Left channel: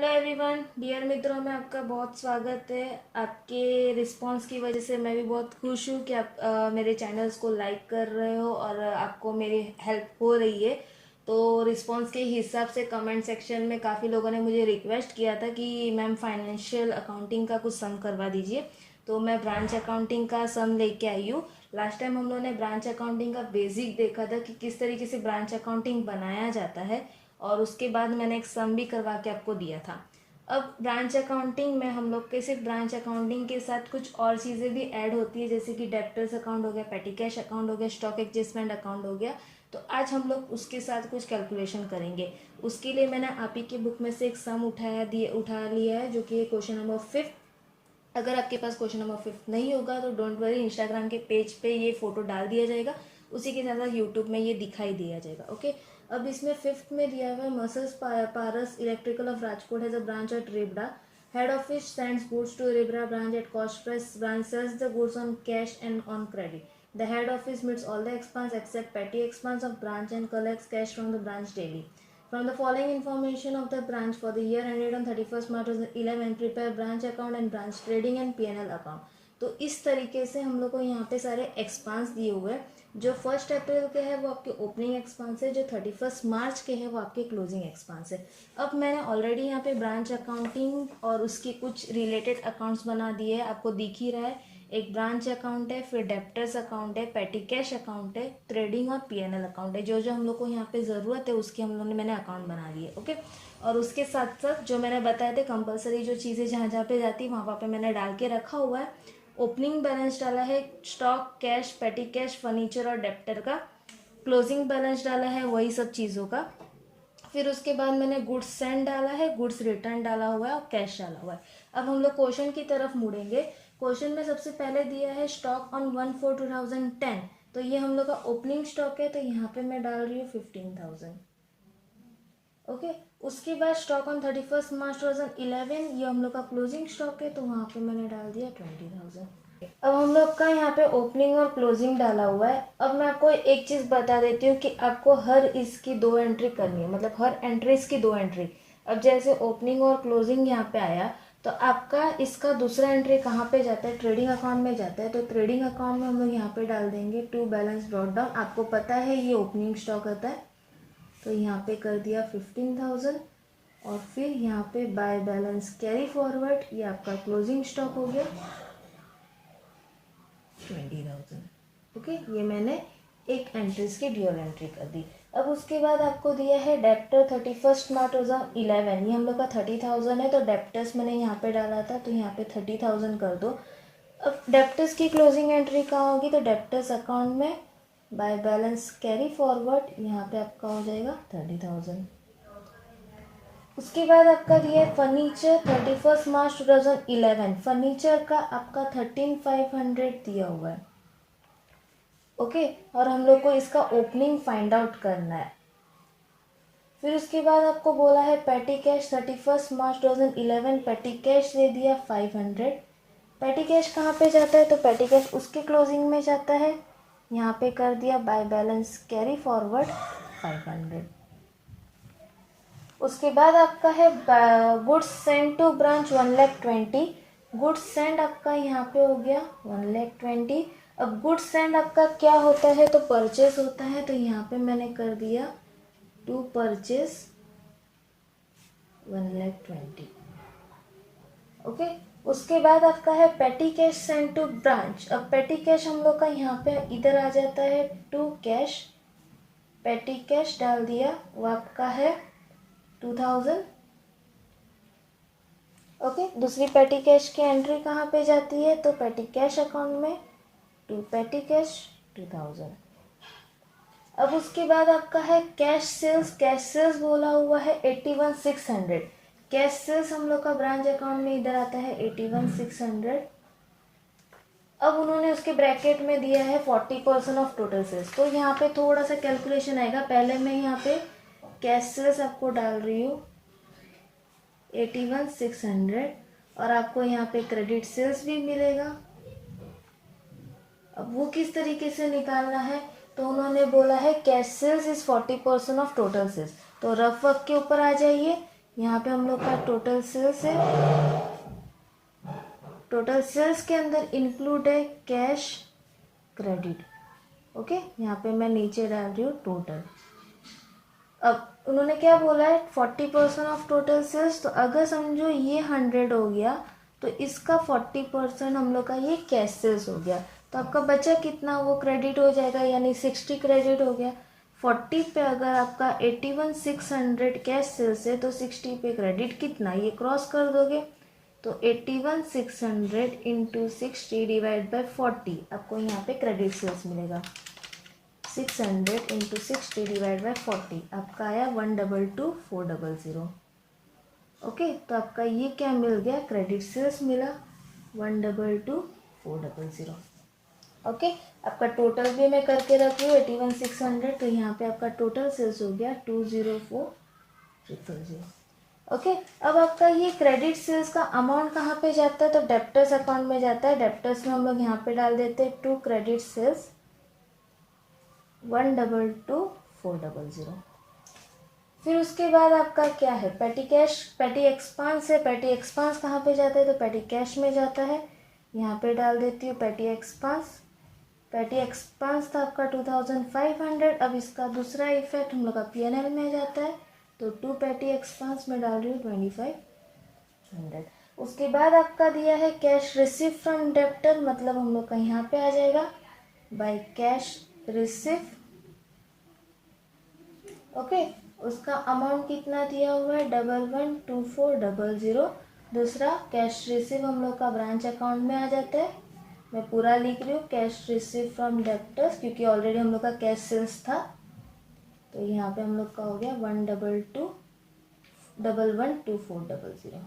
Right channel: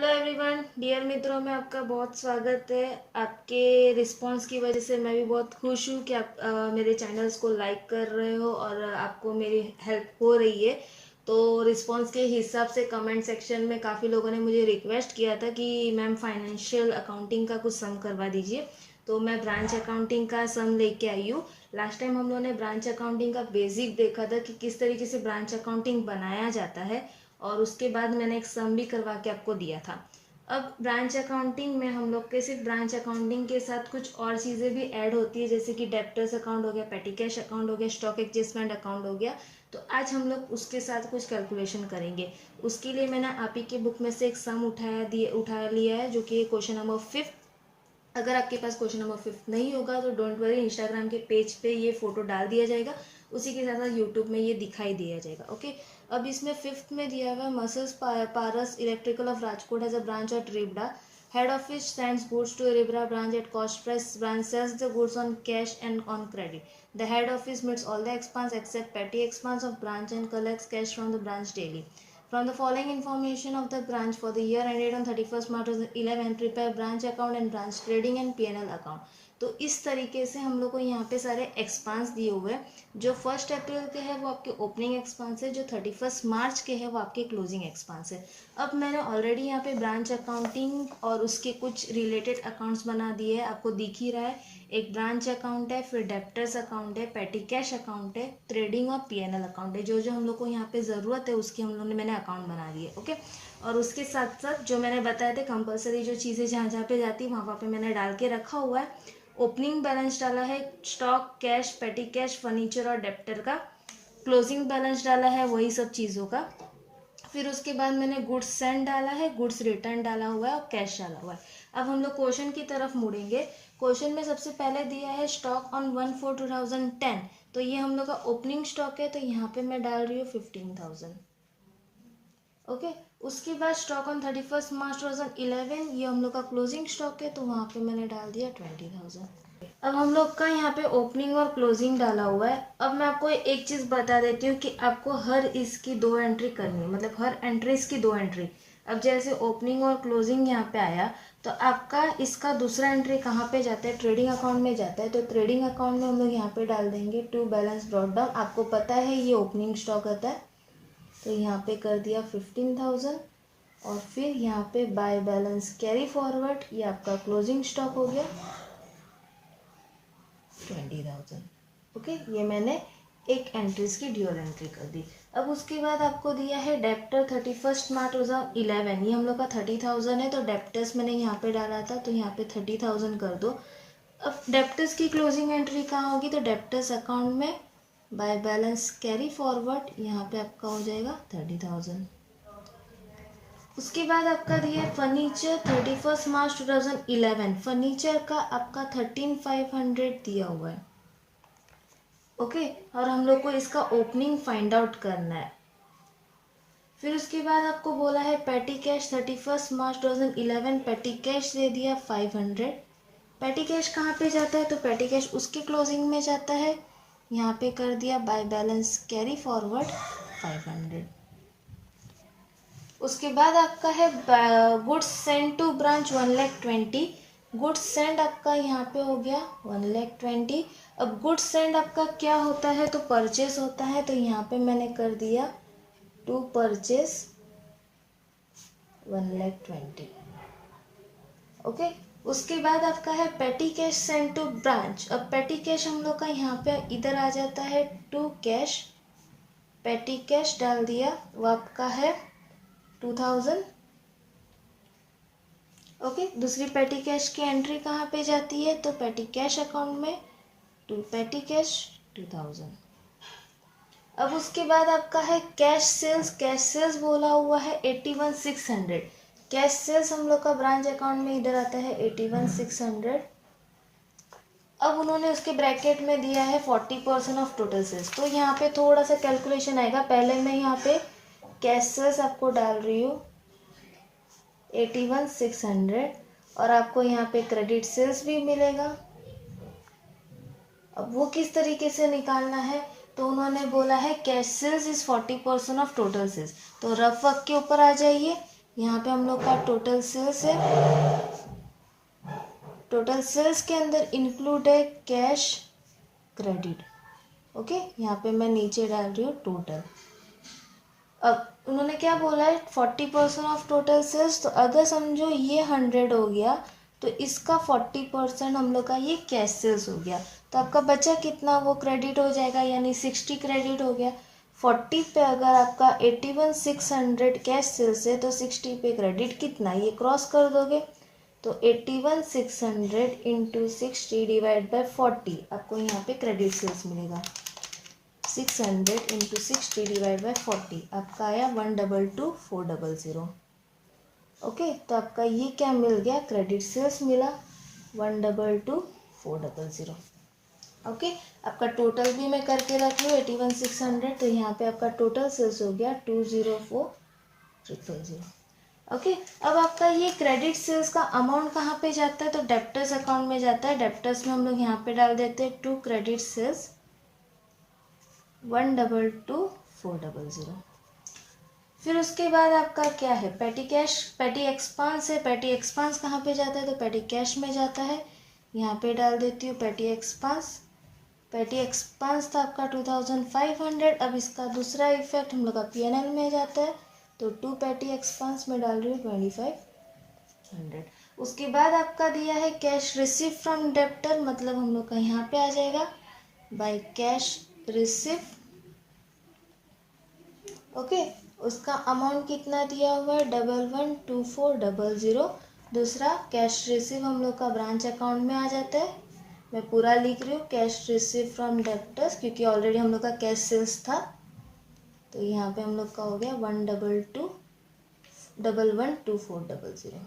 Hello everyone, dear मित्रों में आपका बहुत स्वागत है। आपके रिस्पांस की वजह से मैं भी बहुत खुश हूँ कि आप मेरे चैनल्स को लाइक कर रहे हो और आपको मेरी हेल्प हो रही है। तो रिस्पांस के हिसाब से कमेंट सेक्शन में काफ़ी लोगों ने मुझे रिक्वेस्ट किया था कि मैम फाइनेंशियल अकाउंटिंग का कुछ सम करवा दीजिए। तो मैं ब्रांच अकाउंटिंग का सम लेके आई हूँ। लास्ट टाइम हम लोगों ने ब्रांच अकाउंटिंग का बेसिक देखा था कि किस तरीके से ब्रांच अकाउंटिंग बनाया जाता है, और उसके बाद मैंने एक सम भी करवा के आपको दिया था। अब ब्रांच अकाउंटिंग में हम लोग के सिर्फ ब्रांच अकाउंटिंग के साथ कुछ और चीज़ें भी ऐड होती है, जैसे कि डेप्टर्स अकाउंट हो गया, पेटी कैश अकाउंट हो गया, स्टॉक एडजस्टमेंट अकाउंट हो गया। तो आज हम लोग उसके साथ कुछ कैलकुलेशन करेंगे। उसके लिए मैंने आप ही के बुक में से एक सम उठा लिया है, जो कि क्वेश्चन नंबर 5। अगर आपके पास क्वेश्चन नंबर 5 नहीं होगा तो डोंट वरी, इंस्टाग्राम के पेज पे ये फोटो डाल दिया जाएगा, उसी के साथ साथ यूट्यूब में ये दिखाई दिया जाएगा। ओके, अब इसमें 5th में दिया हुआ है messrs Paras electrical of Rajkot has a branch at Ribda. Head office sends goods to Ribda branch at cost price. Branch sells the goods on cash and on credit. The head office meets all the expense except petty expense of branch and collects cash from the branch daily. From the following information of the branch for the year ended on 31st March 2011, prepare branch account and branch trading and P&L account. तो इस तरीके से हम लोग को यहाँ पे सारे एक्सपांस दिए हुए हैं। जो 1 अप्रैल के है वो आपके ओपनिंग एक्सपांस है, जो 31 मार्च के है वो आपके क्लोजिंग एक्सपांस है। अब मैंने ऑलरेडी यहाँ पे ब्रांच अकाउंटिंग और उसके कुछ रिलेटेड अकाउंट्स बना दिए हैं, आपको दिख ही रहा है। एक ब्रांच अकाउंट है, फिर डेप्टर्स अकाउंट है, पेटी कैश अकाउंट है, ट्रेडिंग और पीएनएल अकाउंट है। जो जो हम लोग को यहाँ पे ज़रूरत है उसकी हम लोग ने मैंने अकाउंट बना दिए। ओके, और उसके साथ साथ जो मैंने बताया थे कंपलसरी जो चीज़ें जहाँ जहाँ पे जाती वहाँ पे मैंने डाल के रखा हुआ है। ओपनिंग बैलेंस डाला है स्टॉक, कैश, पेटी कैश, फर्नीचर और डेप्टर का। क्लोजिंग बैलेंस डाला है वही सब चीज़ों का। फिर उसके बाद मैंने गुड्स सेंड डाला है, गुड्स रिटर्न डाला हुआ है और कैश डाला हुआ है। अब हम लोग क्वेश्चन की तरफ मुड़ेंगे। क्वेश्चन में सबसे पहले दिया है स्टॉक ऑन 1/4/2010। तो ये हम लोग का ओपनिंग स्टॉक है, तो यहाँ पे मैं डाल रही हूँ 15,000। ओके, उसके बाद स्टॉक ऑन 31 मार्च 2011, ये हम लोग का क्लोजिंग स्टॉक है, तो वहाँ पे मैंने डाल दिया 20,000। अब हम लोग का यहाँ पे ओपनिंग और क्लोजिंग डाला हुआ है। अब मैं आपको एक चीज़ बता देती हूँ कि आपको हर इसकी 2 एंट्री करनी है, मतलब हर एंट्रीज की 2 एंट्री। अब जैसे ओपनिंग और क्लोजिंग यहाँ पे आया, तो आपका इसका दूसरा एंट्री कहाँ पे जाता है? ट्रेडिंग अकाउंट में जाता है। तो ट्रेडिंग अकाउंट में हम लोग यहाँ पे डाल देंगे टू बैलेंस ब्रॉट डाउन। आपको पता है ये ओपनिंग स्टॉक होता है, तो यहाँ पे कर दिया 15,000। और फिर यहाँ पे बाय बैलेंस कैरी फॉरवर्ड, ये आपका क्लोजिंग स्टॉक हो गया 20,000। ओके, ये मैंने एक एंट्रीज की ड्यूअल एंट्री कर दी। अब उसके बाद आपको दिया है डेप्टर 31 मार्च 2011, ये हम लोग का 30,000 है, तो डेप्टर्स मैंने यहाँ पे डाला था, तो यहाँ पे 30,000 कर दो। अब डेप्टर्स की क्लोजिंग एंट्री कहाँ होगी? तो डेप्टर्स अकाउंट में बाय बैलेंस कैरी फॉरवर्ड, यहाँ पे आपका हो जाएगा 30,000। उसके बाद आपका दिया है फर्नीचर 31 मार्च 2011। फर्नीचर का आपका 13,500 दिया हुआ है। ओके, और हम लोग को इसका ओपनिंग फाइंड आउट करना है। फिर उसके बाद आपको बोला है पेटी कैश 31 मार्च 2011, पेटी कैश दे दिया 500। पेटी कैश कहाँ पे जाता है? तो पेटी कैश उसके क्लोजिंग में जाता है, यहाँ पे कर दिया बाय बैलेंस कैरी फॉरवर्ड 500। उसके बाद आपका है goods send to branch 1,20,000। Goods send आपका यहाँ पे हो गया 1,20,000। अब गुड्स सेंड आपका क्या होता है? तो परचेस होता है, तो यहाँ पे मैंने कर दिया टू परचेस 1,20,000। ओके, उसके बाद आपका है पेटी कैश सेंड टू ब्रांच। अब पेटी कैश हम लोग का यहाँ पे इधर आ जाता है टू कैश, पेटी कैश डाल दिया, वो आपका है 2,000। ओके, दूसरी पेटी कैश की एंट्री कहाँ पे जाती है? तो पेटी कैश अकाउंट में टू पेटी कैश 2,000। अब उसके बाद आपका है कैश सेल्स। कैश सेल्स बोला हुआ है 81,600। कैश सेल्स हम लोग का ब्रांच अकाउंट में इधर आता है 81,600। अब उन्होंने उसके ब्रैकेट में दिया है 40% ऑफ टोटल सेल्स। तो यहाँ पे थोड़ा सा कैलकुलेशन आएगा। पहले मैं यहाँ पे कैश सेल्स आपको डाल रही हूँ 81,600, और आपको यहाँ पे क्रेडिट सेल्स भी मिलेगा। अब वो किस तरीके से निकालना है? तो उन्होंने बोला है cash sales is 40% of total sales. तो रफ वर्क के ऊपर आ जाइए, यहाँ पे हम लोग का टोटल सेल्स है। टोटल सेल्स के अंदर इंक्लूड है कैश क्रेडिट। ओके, यहाँ पे मैं नीचे डाल रही हूँ टोटल। अब उन्होंने क्या बोला है 40% ऑफ टोटल सेल्स। तो अगर समझो ये 100 हो गया तो इसका 40% हम लोग का ये कैश सेल्स हो गया। तो आपका बचा कितना, वो क्रेडिट हो जाएगा, यानी 60 क्रेडिट हो गया। 40 पे अगर आपका 81,600 कैश सेल्स है तो 60 पे क्रेडिट कितना, ये क्रॉस कर दोगे तो 81,600 इंटू 60 डिवाइड बाई 40 आपको यहाँ पे क्रेडिट सेल्स मिलेगा। 600 इंटू 60 डिवाइड बाई 40 आपका आया 122,400। ओके, तो आपका ये क्या मिल गया, क्रेडिट सेल्स मिला 122,400। ओके, आपका टोटल भी मैं करके रखी हूँ 81,600। तो यहाँ पे आपका टोटल सेल्स हो गया 204,000। ओके, अब आपका ये क्रेडिट सेल्स का अमाउंट कहाँ पे जाता है, तो डेप्टर्स अकाउंट में जाता है। डेप्टर्स में हम लोग यहाँ पे डाल देते हैं 2 क्रेडिट सेल्स 122,400। फिर उसके बाद आपका क्या है, पेटी कैश, पेटी एक्सपांस है। पेटी एक्सपांस कहाँ पे जाता है, तो पेटी कैश में जाता है। यहाँ पे डाल देती हूँ पेटी एक्सपांस। पेटी एक्सपांस था आपका 2,500। अब इसका दूसरा इफेक्ट हम लोग का PNL में जाता है, तो 2 पेटी एक्सपांस में डाल रही हूँ 2,500। उसके बाद आपका दिया है कैश रिसीव फ्रॉम डेप्टर, मतलब हम लोग का यहाँ पे आ जाएगा बाय कैश रिसीव। ओके, उसका अमाउंट कितना दिया हुआ है 11,24,00। दूसरा कैश रिसीव हम लोग का ब्रांच अकाउंट में आ जाता है। मैं पूरा लिख रही हूँ कैश रिसीव फ्रॉम डेप्टर्स, क्योंकि ऑलरेडी हम लोग का कैश सेल्स था। तो यहाँ पे हम लोग का हो गया 122,11,24,00।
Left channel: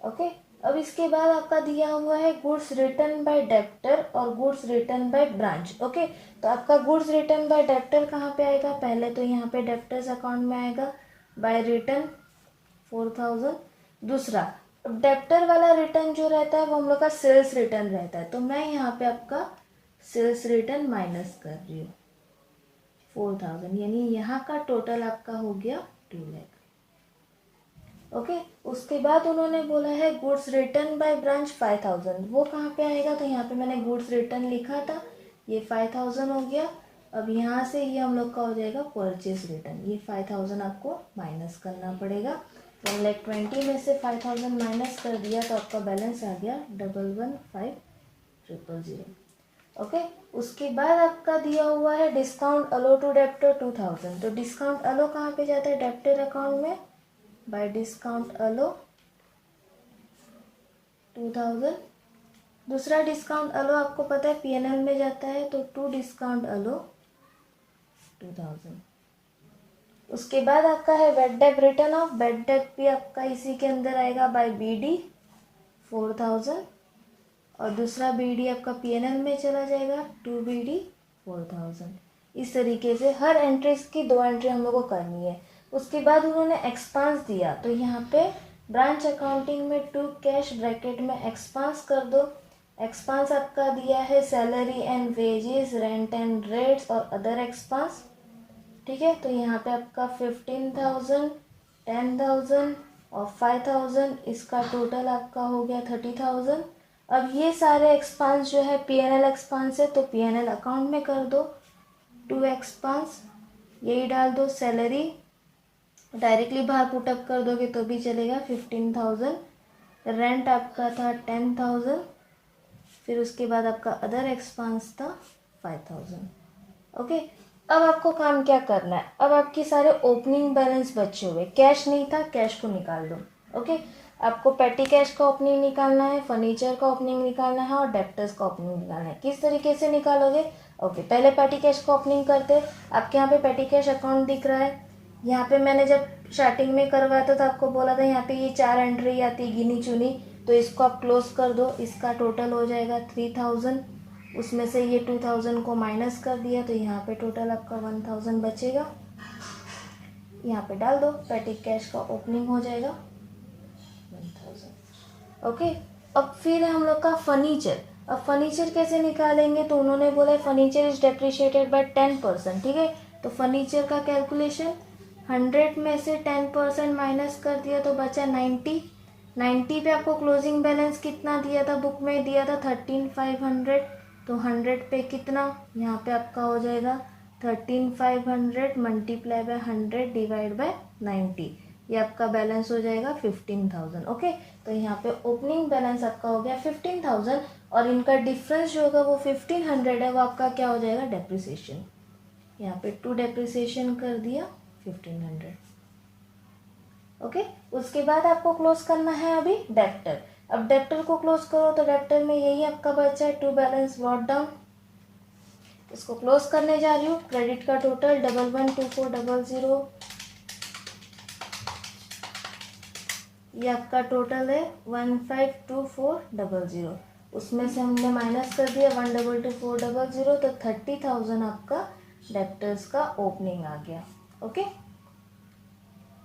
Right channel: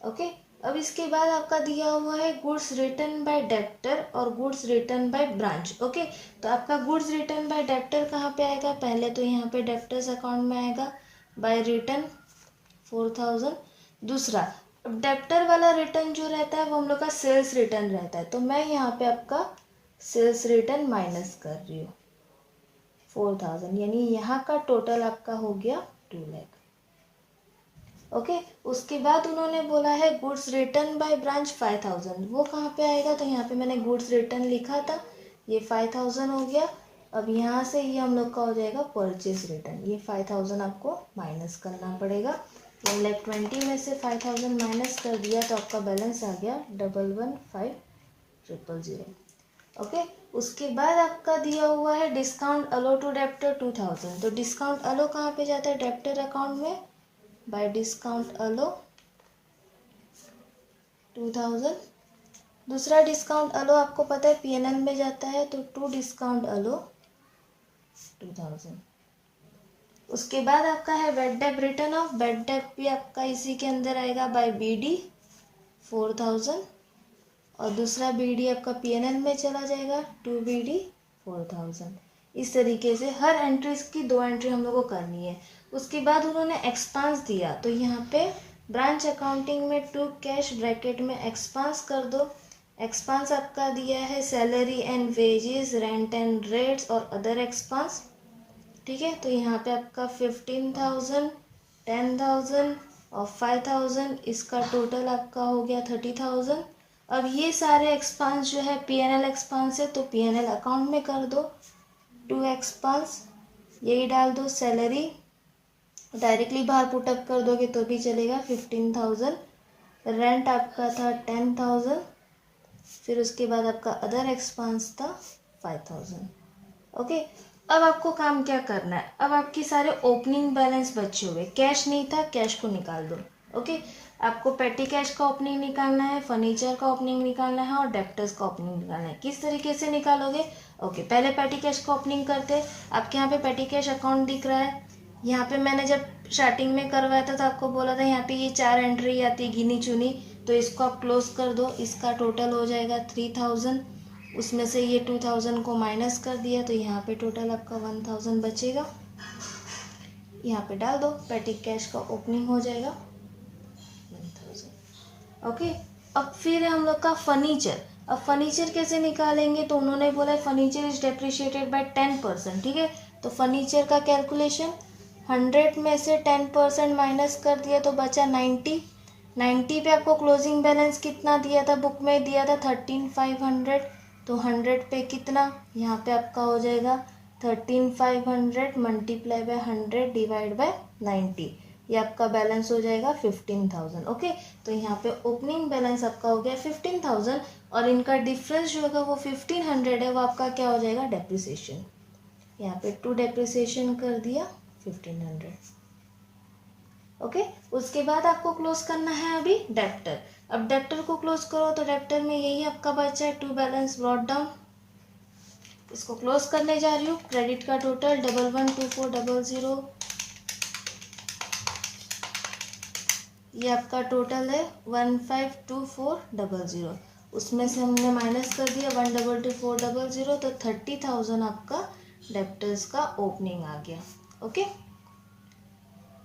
ओके, अब इसके बाद आपका दिया हुआ है गुड्स रिटर्न बाय डेप्टर और goods return by branch. Okay, तो आपका गुड्स रिटर्न बाय डेप्टर कहाँ पे आएगा, पहले तो यहाँ पे डेप्टर्स अकाउंट में आएगा बाय रिटर्न 4,000। दूसरा डेप्टर वाला रिटर्न जो रहता है वो हम लोग का सेल्स रिटर्न रहता है, तो मैं यहाँ पे आपका सेल्स रिटर्न माइनस कर रही हूँ 4,000, यानी यहाँ का टोटल आपका हो गया 2 लाख। ओके, उसके बाद उन्होंने बोला है गुड्स रिटर्न बाय ब्रांच 5,000। वो कहाँ पे आएगा, तो यहाँ पे मैंने गुड्स रिटर्न लिखा था, ये 5,000 हो गया। अब यहाँ से ये हम लोग का हो जाएगा परचेज रिटर्न, ये 5,000 आपको माइनस करना पड़ेगा। 1,20,000 में से 5,000 माइनस कर दिया तो आपका बैलेंस आ गया 11,15,000। ओके, उसके बाद आपका दिया हुआ है डिस्काउंट अलो टू डेप्टर 2,000। तो डिस्काउंट अलो कहाँ पे जाता है, डेप्टर अकाउंट में बाय डिस्काउंट अलो 2,000। दूसरा डिस्काउंट अलो आपको पता है PNL में जाता है, तो 2 डिस्काउंट अलो 2,000। उसके बाद आपका है bad debt return of, bad debt भी आपका इसी के अंदर आएगा बाय BD 4,000। और दूसरा BD आपका PNL में चला जाएगा 2 BD 4,000। इस तरीके से हर एंट्रीज की 2 एंट्री हम लोग को करनी है। उसके बाद उन्होंने एक्सपांस दिया, तो यहाँ पे ब्रांच अकाउंटिंग में 2 कैश ब्रैकेट में एक्सपांस कर दो। एक्सपांस आपका दिया है salary and wages, rent and rates और अदर एक्सपांस। ठीक है, तो यहाँ पे आपका 15,000, 10,000 और 5,000, इसका टोटल आपका हो गया 30,000। अब ये सारे एक्सपांस जो है PNL एक्सपांस है, तो PNL अकाउंट में कर दो 2 एक्सपांस, यही डाल दो। सैलरी डायरेक्टली बाहर पुटअप कर दोगे तो भी चलेगा 15,000। रेंट आपका था 10,000। फिर उसके बाद आपका अदर एक्सपांस था 5,000। ओके, अब आपको काम क्या करना है, अब आपके सारे ओपनिंग बैलेंस बचे हुए, कैश नहीं था, कैश को निकाल दो। ओके, आपको पेटी कैश का ओपनिंग निकालना है, फर्नीचर का ओपनिंग निकालना है और डेप्टर्स का ओपनिंग निकालना है। किस तरीके से निकालोगे, ओके, पहले पेटी कैश का ओपनिंग करते। आपके यहाँ पे पेटी कैश अकाउंट दिख रहा है। यहाँ पे मैंने जब स्टार्टिंग में करवाया था तो आपको बोला था यहाँ पे ये 4 एंट्री आती गिनी चुनी, तो इसको आप क्लोज कर दो। इसका टोटल हो जाएगा 3,000, उसमें से ये 2,000 को माइनस कर दिया, तो यहाँ पे टोटल आपका 1,000 बचेगा। यहाँ पे डाल दो, पेटी कैश का ओपनिंग हो जाएगा 1,000। ओके, अब फिर है हम लोग का फर्नीचर। अब फर्नीचर कैसे निकालेंगे, तो उन्होंने बोला फर्नीचर इज डेप्रिशिएटेड बाय 10%। ठीक है, तो फर्नीचर का कैलकुलेशन 100 में से 10% माइनस कर दिया तो बचा 90। 90 पे आपको क्लोजिंग बैलेंस कितना दिया था, बुक में दिया था 13,500। तो 100 पे कितना, यहाँ पे आपका हो जाएगा 13,500 मल्टीप्लाई बाय 100 डिवाइड बाय 90। ये आपका बैलेंस हो जाएगा 15,000। ओके, तो यहाँ पे ओपनिंग बैलेंस आपका हो गया 15,000 और इनका डिफरेंस जो होगा वो 1,500 है, वो आपका क्या हो जाएगा, डेप्रिसिएशन। यहाँ पे 2 डेप्रिसिएशन कर दिया 1,500। ओके, उसके बाद आपको क्लोज करना है अभी डेप्टर। अब डेप्टर को क्लोज करो तो डेप्टर में यही आपका बचा है, टू बैलेंस ब्रॉट डाउन। इसको क्लोज करने जा रही हूँ। क्रेडिट का टोटल 112400, ये आपका टोटल है 152400। उसमें से हमने माइनस कर दिया 122,400, तो 30,000 आपका डेप्टर्स का ओपनिंग आ गया। ओके,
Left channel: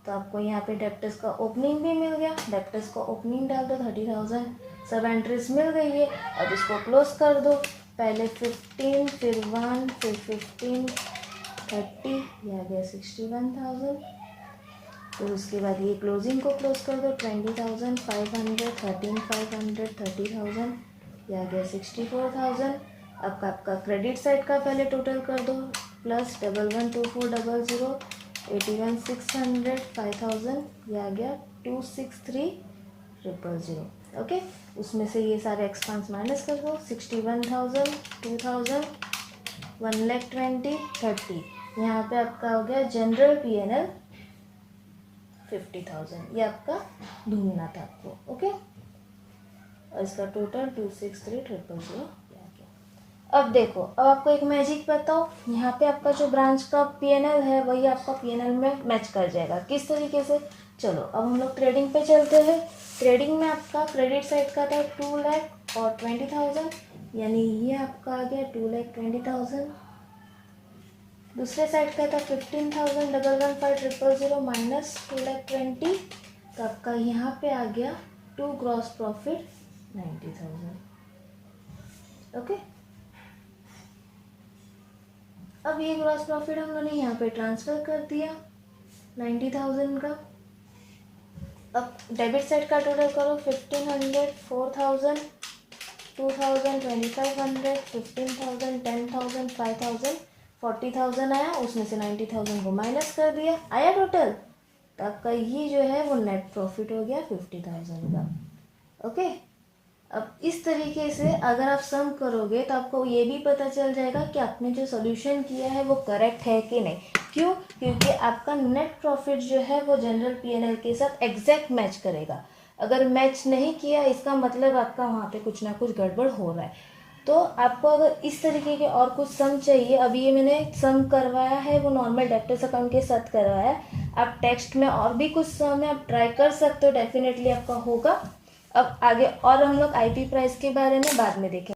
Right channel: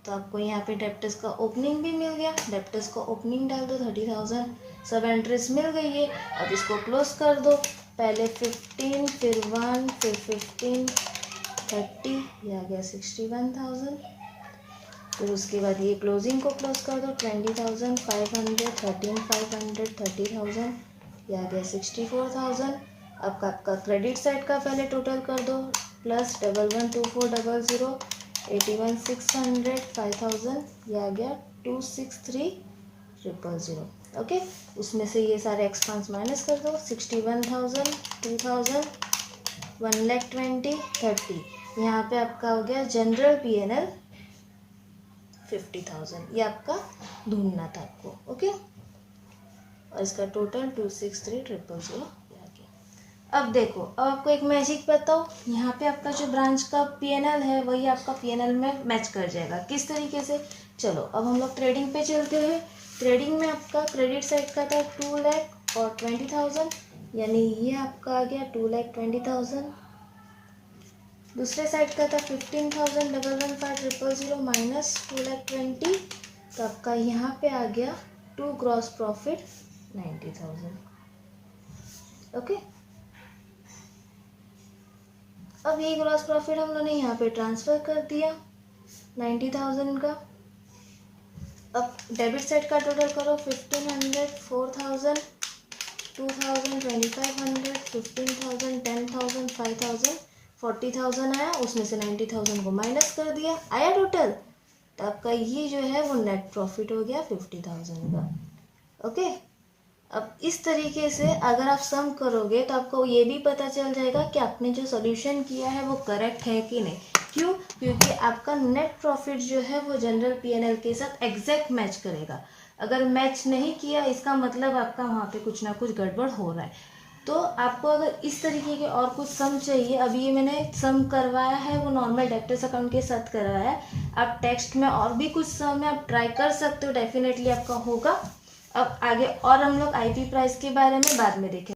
तो आपको यहाँ पे डेप्टर्स का ओपनिंग भी मिल गया। डेप्टर्स का ओपनिंग डाल दो 30,000, सब एंट्रीज मिल गई है। अब इसको क्लोज कर दो, पहले 15, फिर 1, फिर 15, 30, ये आ गया 61,000। फिर उसके बाद ये क्लोजिंग को क्लोज कर दो 20,500, 13,500, 30,000, ये आ गया 64,000। अब आपका क्रेडिट साइड का पहले टोटल कर दो, प्लस 112400, 81,600, 5,000, ये आ गया 263,000। ओके, उसमें से ये सारे एक्सपेंस माइनस कर दो, 61,000, 2,000, 1,20,000, 30। यहाँ पे आपका हो गया जनरल PNL 50,000। ये आपका ढूंढना था आपको। ओके, और इसका टोटल 263,000 आ गया। अब देखो, अब आपको एक मैजिक बताओ, यहाँ पे आपका जो ब्रांच का PNL है वही आपका PNL में मैच कर जाएगा। किस तरीके से, चलो अब हम लोग ट्रेडिंग पे चलते हैं। ट्रेडिंग में आपका क्रेडिट साइड का था 2,20,000, यानी ये आपका आ गया 2,20,000। दूसरे साइड का था 15,115,000 माइनस 2,20,000, तो आपका यहाँ पे आ गया 2 ग्रॉस प्रॉफिट 90,000। ओके, अब ये ग्रॉस प्रॉफिट हम लोगों ने यहाँ पे ट्रांसफ़र कर दिया 90,000 का। अब डेबिट साइड का टोटल करो, 1,500, 4,000, 2,000, 2,500, 15,000, 10,000, 5,000, 40,000 आया। उसमें से 90,000 को माइनस कर दिया, आया टोटल। तो आपका ये जो है वो नेट प्रॉफिट हो गया 50,000 का। ओके, अब इस तरीके से अगर आप सम करोगे तो आपको ये भी पता चल जाएगा कि आपने जो सोल्यूशन किया है वो करेक्ट है कि नहीं। क्यों, क्योंकि आपका नेट प्रॉफिट जो है वो जनरल PNL के साथ एग्जैक्ट मैच करेगा। अगर मैच नहीं किया इसका मतलब आपका वहाँ पे कुछ ना कुछ गड़बड़ हो रहा है। तो आपको अगर इस तरीके के और कुछ सम चाहिए, अभी ये मैंने सम करवाया है वो नॉर्मल डेप्टर्स अकाउंट के साथ करवाया है। आप टेक्स्ट में और भी कुछ सम है आप ट्राई कर सकते हो, डेफिनेटली आपका होगा। अब आगे और हम लोग IP प्राइस के बारे में बाद में देखें।